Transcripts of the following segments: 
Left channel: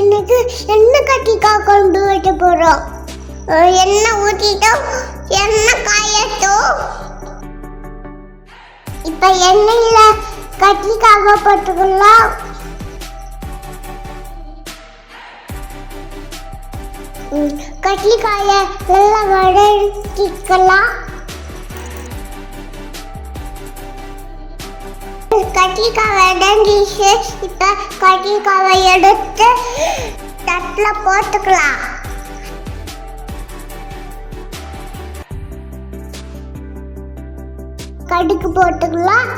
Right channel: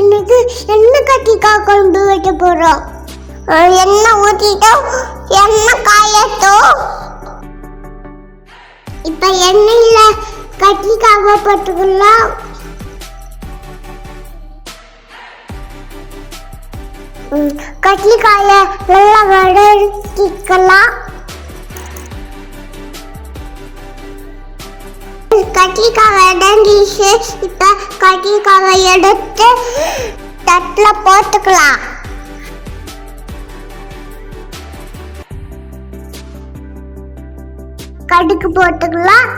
இன்னைக்கு எண்ணெய் கத்திரிக்காய் குழம்பு வைக்க போறோம். எண்ணெய் ஊற்றிட்டோம், எண்ணெய் காயட்டும். இப்போ எண்ணெயில கத்திரிக்காவை போட்டுக்கலாம். கத்திரிக்காயை நல்லா வதக்கிக்கலாம். கத்திரிக்காய் வதங்கிச்சு. இப்போ கத்திரிக்காவை எடுத்து தட்டில் போட்டுக்கலாம். கடுகு போட்டுக்கலாம்.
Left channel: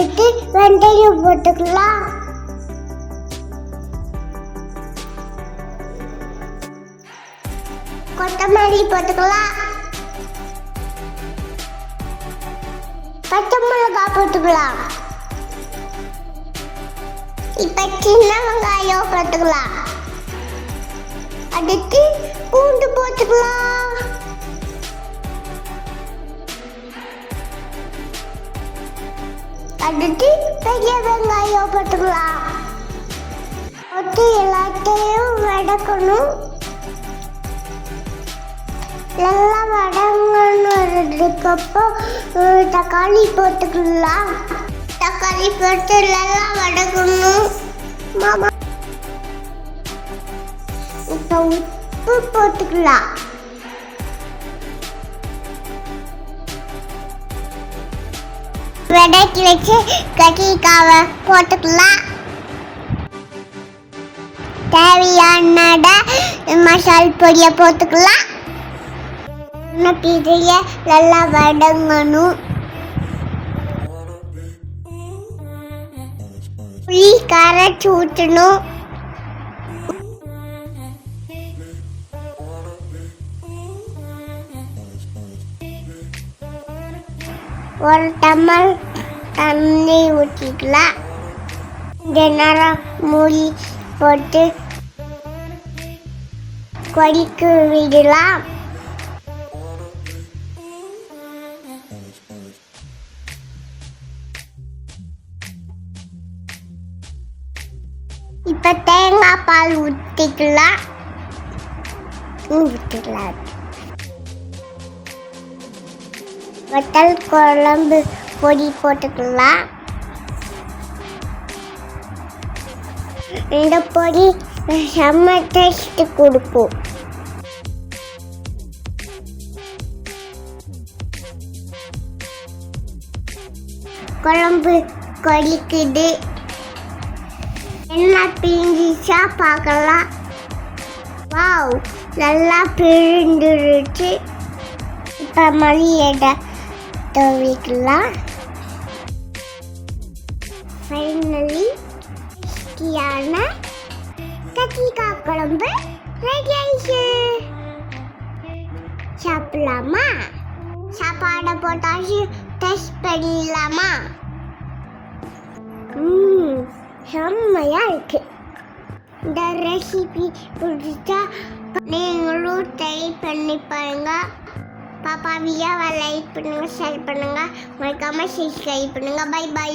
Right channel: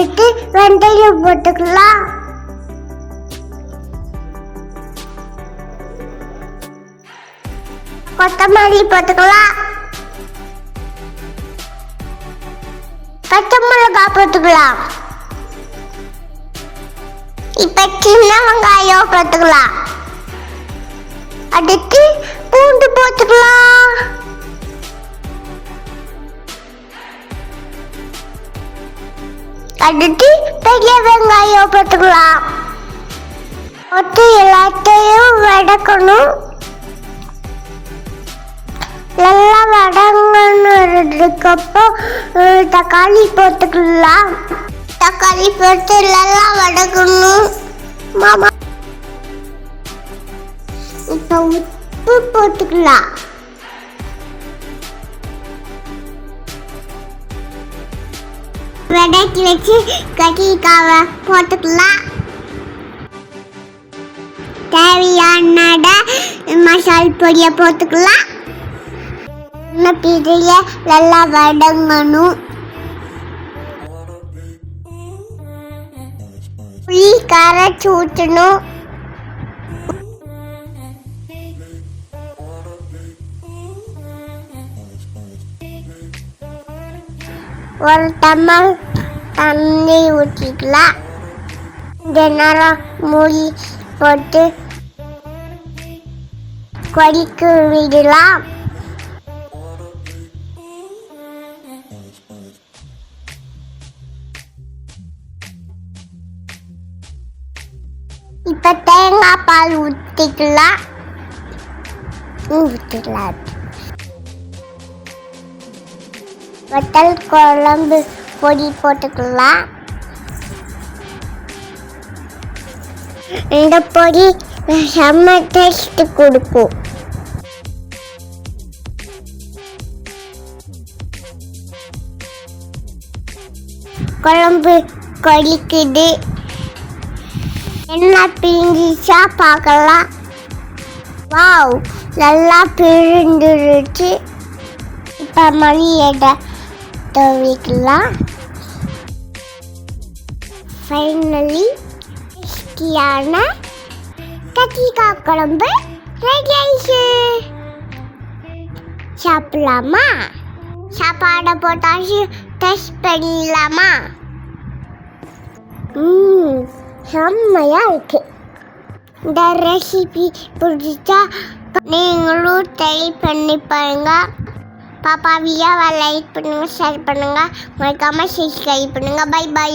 எடுத்து வெந்தயம் போட்டுக்கலாம். கொத்தமல்லி போட்டுக்கலாம். பச்சை மிளகாய் போட்டுக்கலாம். இப்ப சின்ன வெங்காயம் போட்டுக்கலாம். அடுத்து பூண்டு போட்டுக்கலாம். அடுத்து பெரிய வெங்காயம் போட்டுக்கலாம். போட்டு எல்லாத்தையும் வதக்கணும். நல்லா வதங்கினதுக்கப்புறம் தக்காளி போட்டுக்கலாம். தக்காளி போட்டு நல்லா வதக்கணும். மாமா இப்போ உப்பு போட்டுக்கலாம். வதக்கி வச்சு கத்திரிக்காவை போட்டுக்கலாம். தேவையான மசால் பொடியை போட்டுக்கலாம். பிரிய நல்லா வதங்கணும். புளி கரைச்சி ஊற்றணும். ஒரு டம்ளர் தண்ணி ஊற்றிக்கலாம். இந்த நேரம் மூடி போட்டு கொதிக்க விடலாம். இப்போ தேங்காய் பால் ஊற்றிக்கலாம். வத்தல் குழம்பு பொடி போட்டுக்கலாம். இந்த பொடி செம்ம டேஸ்ட் கொடுக்கும். குழம்பு கொதிக்குது. என்ன பிரிஞ்சிச்சா பார்க்கலாம். வாவ், நல்லா பிரிந்துருச்சு. இப்போ மல்லியை துவைக்கலாம். ஃபைனலி டேஸ்டியான கத்திரிக்காய் குழம்பு ரெடி ஆயிடுச்சு. சாப்பிடலாமா? சாப்பாடை போட்டாச்சு. டேஸ்ட் பண்ணிடலாமா? செம்மையா இருக்கு. இந்த ரெசிபி பிடிச்சா நீங்களும் ட்ரை பண்ணி பாருங்க. பாப்பா வீடியோவை லைக் பண்ணுங்க, ஷேர் பண்ணுங்க, மறக்காம சப்ஸ்கிரைப் பண்ணுங்க. Bye by.